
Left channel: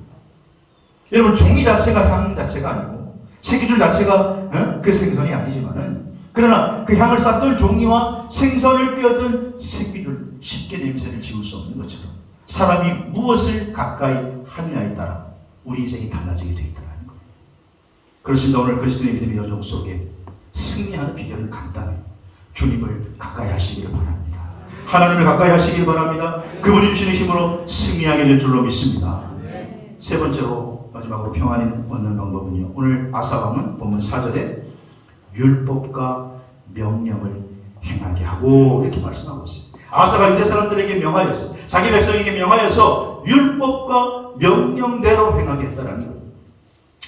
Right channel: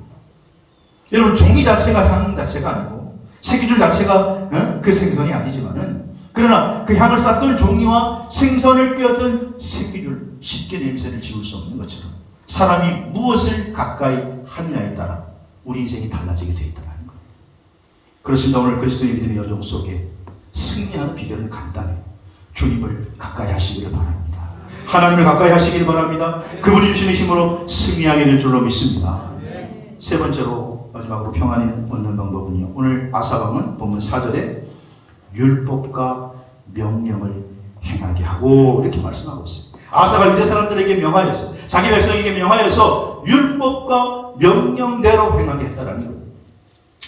여러분, 종이 자체가 향 자체가 아니고 새끼줄 자체가 그 생선이 아니지만은, 그러나 그 향을 쌓던 종이와 생선을 꿰었던 새끼줄 쉽게 냄새를 지울 수 없는 것처럼 사람이 무엇을 가까이 하느냐에 따라 우리 인생이 달라지게 되어 있다는 거예요. 그렇습니다. 오늘 그리스도의 믿음의 여정 속에 승리하는 비결은 간단해요. 주님을 가까이 하시기를 바랍니다. 하나님을 가까이 하시기를 바랍니다. 그분이 주시는 힘으로 승리하게 될 줄로 믿습니다. 세 번째로 마지막으로 평안을 얻는 방법은요, 오늘 아사왕은 본문 4절에 율법과 명령을 행하게 하고 이렇게 말씀하고 있습니다. 아사가 유대 사람들에게 명하여서, 자기 백성에게 명하여서 율법과 명령대로 행하게 했다라는 거예요.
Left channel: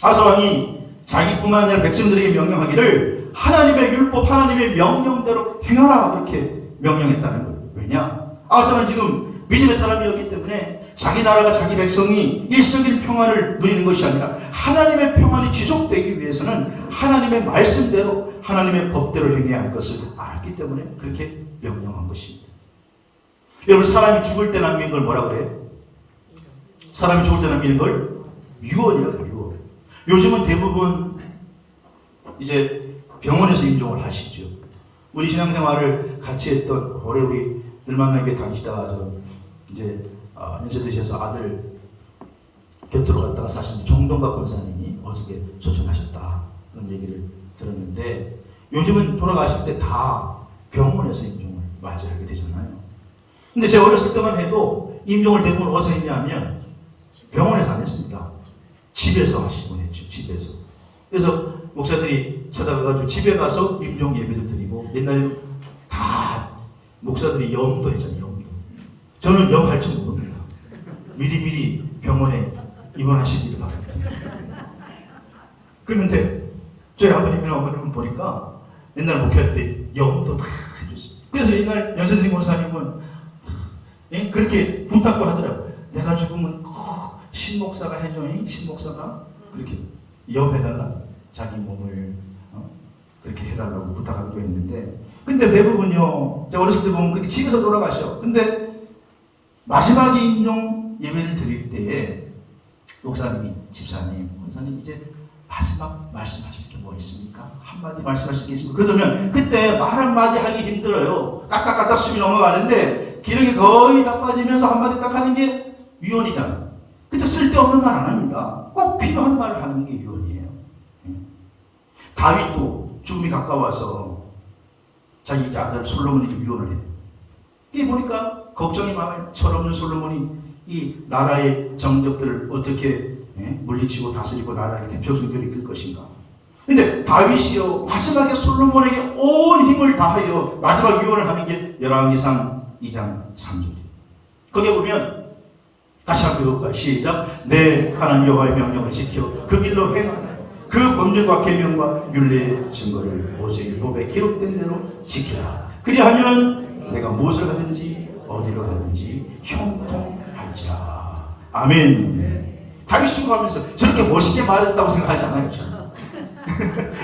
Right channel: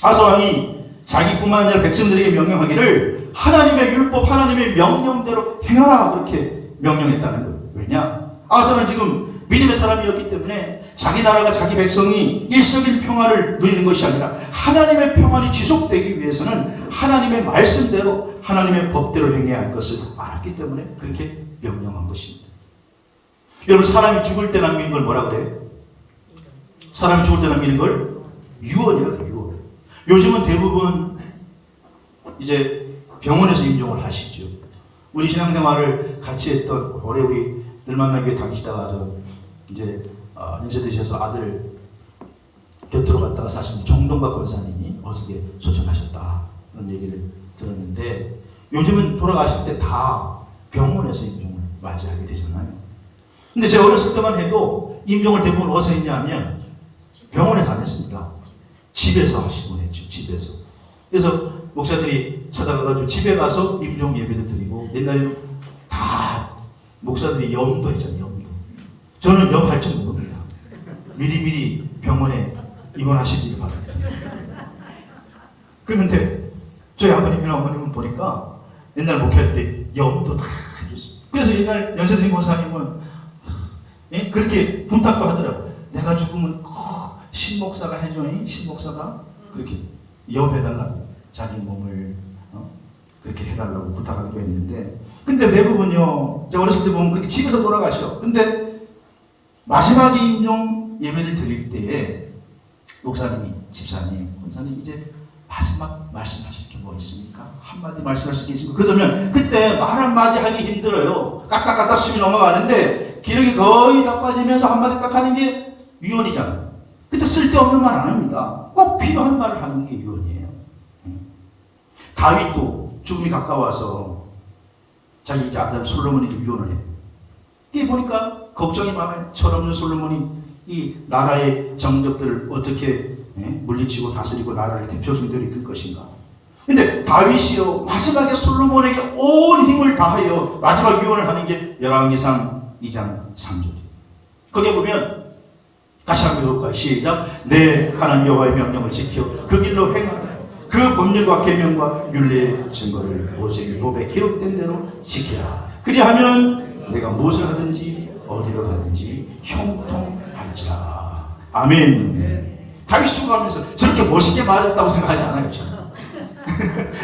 아사왕이 자기뿐만 아니라 백성들에게 명령하기를 하나님의 율법, 하나님의 명령대로 행하라, 그렇게 명령했다는 거예요. 왜냐? 아사는 지금 믿음의 사람이었기 때문에 자기 나라가, 자기 백성이 일시적인 평안을 누리는 것이 아니라 하나님의 평안이 지속되기 위해서는 하나님의 말씀대로, 하나님의 법대로 행해야 할 것을 알았기 때문에 그렇게 명령한 것입니다. 여러분, 사람이 죽을 때 남기는 걸 뭐라 그래요? 사람이 죽을 때 남기는 걸 유언이라고. 유언. 요즘은 대부분 이제 병원에서 임종을 하시죠. 우리 신앙생활을 같이 했던 오래 우리 늘만나교회 다니시다가 이제 연세 드셔서 아들 곁으로 갔다가 사실 정동각 권사님이 어저께 소천하셨다, 그런 얘기를 들었는데, 요즘은 돌아가실 때 다 병원에서 임종을 맞이하게 되잖아요. 근데 제가 어렸을 때만 해도 임종을 대부분 어디서 했냐면 병원에서 안 했습니다. 집에서 하시곤 했죠. 집에서. 그래서 목사들이 찾아가가지고 집에 가서 임종 예배를 드리고, 옛날에 다 목사들이 염도 했잖아요. 염도. 저는 염할 줄 모릅니다. 미리미리 병원에 입원하시길 바랍니다. 그런데 저희 아버님이랑 어머님을 보니까 옛날 목회할 때 염도 다 해줬어요. 그래서 옛날 연세생 권사님은 그렇게 부탁도 하더라고요. 내가 죽으면 꼭 신목사가 해줘. 신목사가 그렇게 염해달라, 자기 몸을 그렇게 해달라고 부탁하기도 했는데, 근데 대부분요, 제가 어렸을 때 보면 그렇게 집에서 돌아가셔. 근데 마지막 임종 예배를 드릴 때에 목사님이, 집사님, 목사님 이제 마지막 말씀하실 게 뭐 있습니까? 한마디 말씀하실 게 있습니까? 그러면 그때 말 한마디 하기 힘들어요. 까딱까딱 숨이 넘어가는데 기력이 거의 다 빠지면서 한마디 딱 하는 게 유언이잖아요. 그때 쓸데없는 말 안 합니다. 꼭 필요한 말을 하는 게 유언이에요. 다윗도 죽음이 가까워서 자기 이제 아들 솔로몬이 유언을 해요. 이게 보니까 걱정이 많아요. 철없는 솔로몬이 이 나라의 정적들을 어떻게 물리치고 다스리고 나라를 대표적으로 이끌 것인가. 근데 다윗이요, 마지막에 솔로몬에게 온 힘을 다하여 마지막 유언을 하는 게 열왕기상 2장 3절이에요. 거기에 보면 다시 한번 읽어볼까요? 시작. 내 하나님 여호와의 명령을 지켜 그 길로 행하며 그 법률과 계명과 윤리의 증거를 모세율법에 기록된 대로 지키라. 그리하면 내가 무엇을 하든지 어디로 가든지 형통할지라. 아멘. 다윗이 죽어가면서 저렇게 멋있게 말했다고 생각하지 않아요.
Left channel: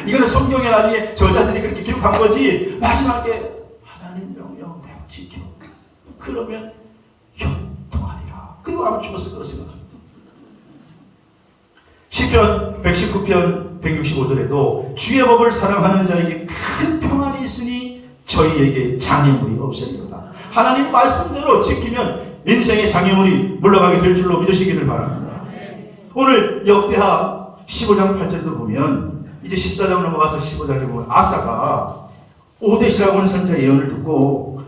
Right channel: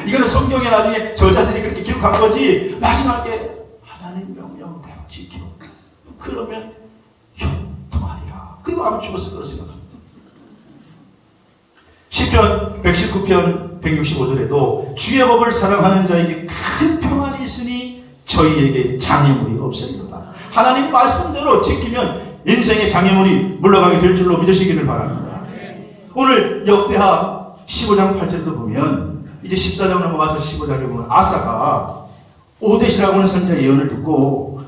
이거는 성경에 나중에 저자들이 그렇게 기록한 거지, 마지막에 하나님 명령대로 지켜, 그러면 형통하리라. 그리고 아마 죽었을 거라 생각합니다. 시편 119편 165절에도 주의 법을 사랑하는 자에게 큰 평안이 있으니 저희에게 장애물이 없으리로다. 하나님 말씀대로 지키면 인생의 장애물이 물러가게 될 줄로 믿으시기를 바랍니다. 오늘 역대하 15장 8절도 보면, 이제 14장 넘어가서 15장에 보면 아사가 오데시라고 하는 선지자의 예언을 듣고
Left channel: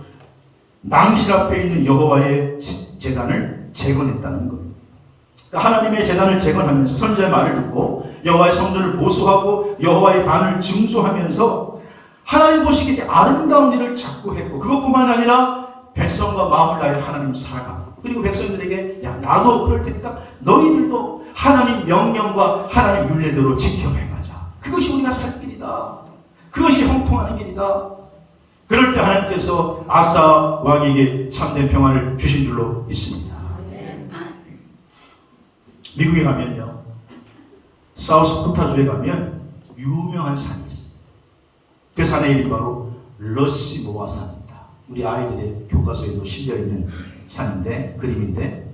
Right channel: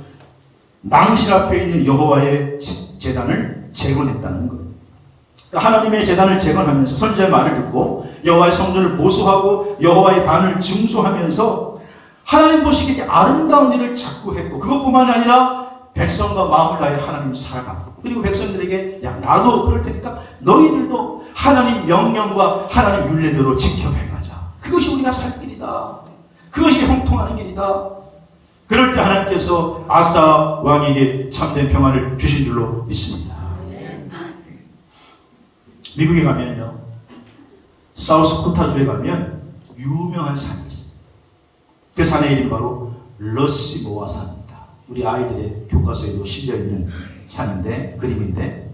낭실 앞에 있는 여호와의 제단을 재건했다는 거예요. 그러니까 하나님의 제단을 재건하면서 선지자의 말을 듣고 여호와의 성전을 보수하고 여호와의 단을 증수하면서 하나님 보시기에 아름다운 일을 자꾸 했고, 그것뿐만 아니라 백성과 마음을 다해 하나님 살아가. 그리고 백성들에게 야, 나도 그럴 테니까 너희들도 하나님 명령과 하나님 윤례대로 지켜 행하자. 그것이 우리가 살 길이다. 그것이 형통하는 길이다. 그럴 때 하나님께서 아사 왕에게 참된 평안을 주신 줄로 믿습니다. 미국에 가면요, 사우스코타주에 가면 유명한 산이 있어요. 그 산의 이름이 바로 러시모아 산입니다. 우리 아이들의 교과서에도 실려있는 산인데, 그림인데,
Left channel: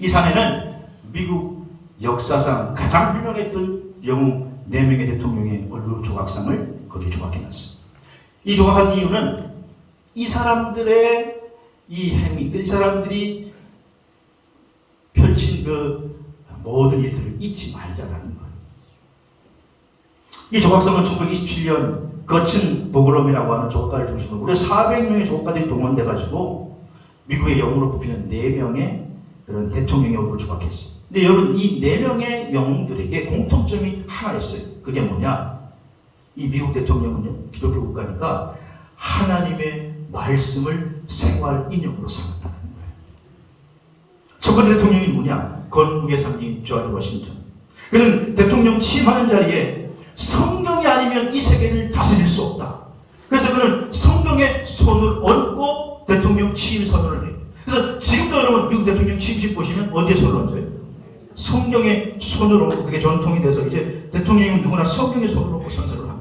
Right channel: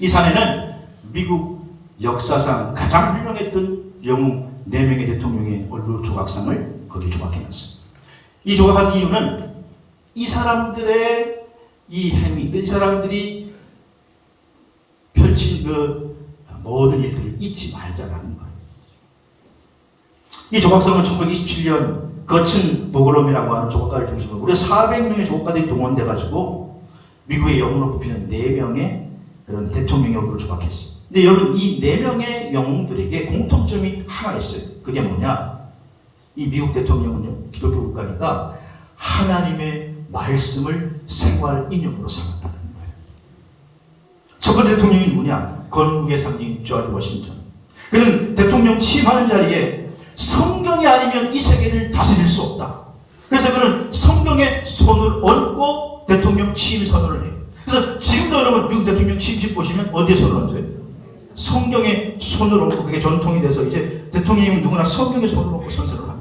이 산에는 미국 역사상 가장 훌륭했던 영웅 4명의 대통령의 얼굴 조각상을 거기에 조각해놨습니다. 이 조각한 이유는 이 사람들의 이 행위, 이 사람들이 펼친 그 모든 일들을 잊지 말자라는 거예요. 이 조각상은 1927년 거친 보그롬이라고 하는 조각가를 중심으로 우리 400명의 조각가들이 동원돼가지고 미국의 영웅으로 뽑히는 4명의 그런 대통령의 얼굴을 조각했어요. 근데 여러분, 이 4명의 영웅들에게 공통점이 하나 있어요. 그게 뭐냐? 이 미국 대통령은요, 기독교 국가니까 하나님의 말씀을 생활 인형으로 삼았다는 거예요. 첫 번째 대통령이 누구냐? 건국의 상징 조지 워싱턴. 그는 대통령 취임하는 자리에 성경이 아니면 이 세계를 다스릴 수 없다. 그래서 그는 성경의 손을 얹고 대통령 취임 선언을 해요. 그래서 지금도 여러분 미국 대통령 취임식 보시면 어디에 손을 얹어요? 성경에 손을 얹고 그게 전통이 돼서 이제 대통령이 누구나 성경에 손을 얹고 선서를 합니다.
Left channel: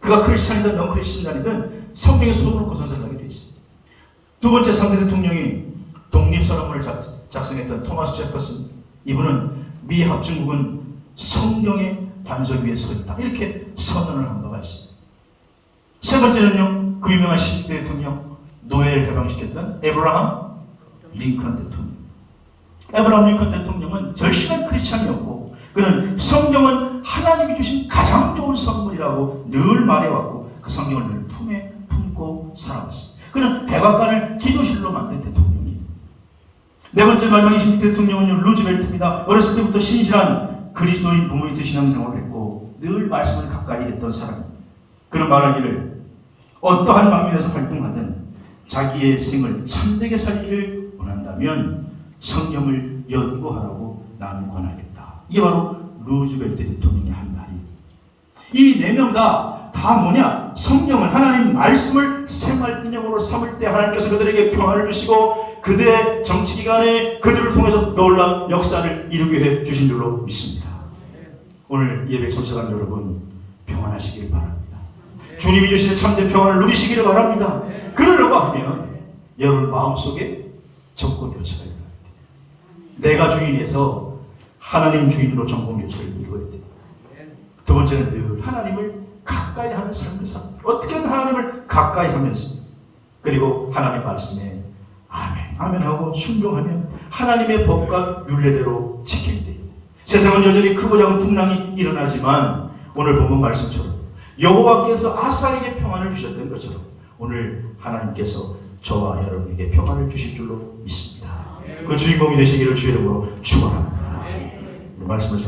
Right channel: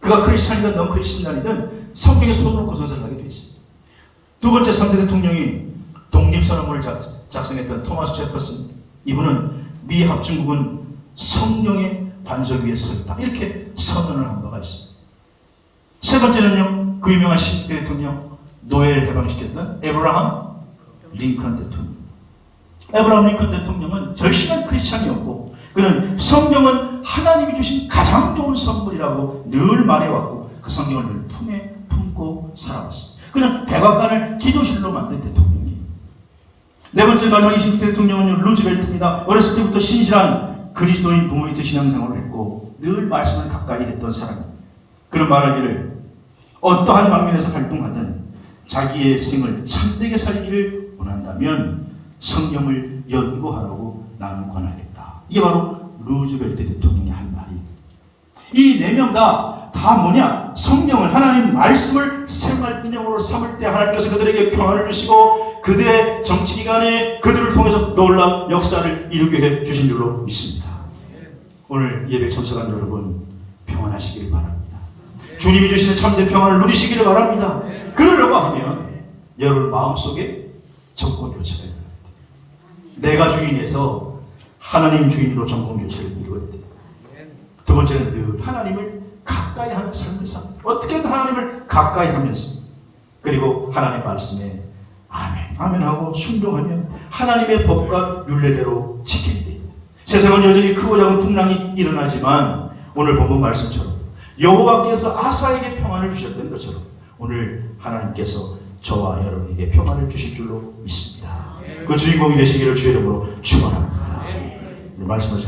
그가 크리스찬이든 넌 크리스찬이든 성경에 손을 얹고 선서를 하게 돼 있습니다. 두 번째 상대 대통령이 독립선언문을 작성했던 토마스 제퍼슨. 이분은 미 합중국은 성경의 반석 위에 서 있다, 이렇게 선언을 한 바가 있습니다. 세 번째는요, 그 유명한 10대 대통령 노예를 해방시켰던 에브라함 링컨 대통령. 에브라함 링컨 대통령은 절실한 크리스찬이었고 그는 성경은 하나님이 주신 가장 좋은 선물이라고 늘 말해왔고 그 성경을 늘 품에 품고 살아왔습니다. 그는 백악관을 기도실로 만든 대통령이에요. 네 번째 마지막 20대 대통령은 루즈벨트입니다. 어렸을 때부터 신실한 그리스도인 부모님의 신앙생활을 했고 늘 말씀을 가까이 듣던 사람. 그는 말하기를 어떠한 방면에서 활동하든 자기의 생을 참되게 살기를 원한다면 성경을 연구하라고 나는 권하겠다. 이게 바로 루즈벨트 대통령이 한 말이에요. 이 4명 다 뭐냐? 성경을, 하나님 말씀을 생활 인형으로 삼을 때 하나님께서 그들에게 평안을 주시고 그들의 정치기관에 그들을 통해서 놀라운 역사를 이루게 해 주신 줄로 믿습니다. 오늘 예배 참석한 여러분 평안하시길 바랍니다. 주님이 주시는 참된 평안을 누리시기를 바랍니다. 그러려고 하면 여러분 마음속에 정권 교체가 있어야 됩니다. 내가 주인에서 하나님 주인으로 정권 교체를 이루어야 돼요. 두 번째는 늘 하나님을 가까이 하는 삶을 삽니다. 어떻게든 하나님을 가까이 하면서 그리고 하나님 말씀에 아멘, 아멘 하고 순종하면 하나님의 법과 율례대로 지켜야 돼요. 세상은 여전히 크고 작은 풍랑이 일어나지만 오늘 본문 말씀처럼 여호와께서 아사에게 평안을 주셨던 것처럼 오늘 하나님께서 저와 여러분에게 평안을 주실 줄로 믿습니다. 그 주인공이 되시기를 주의 이름으로 축원합니다. 말씀을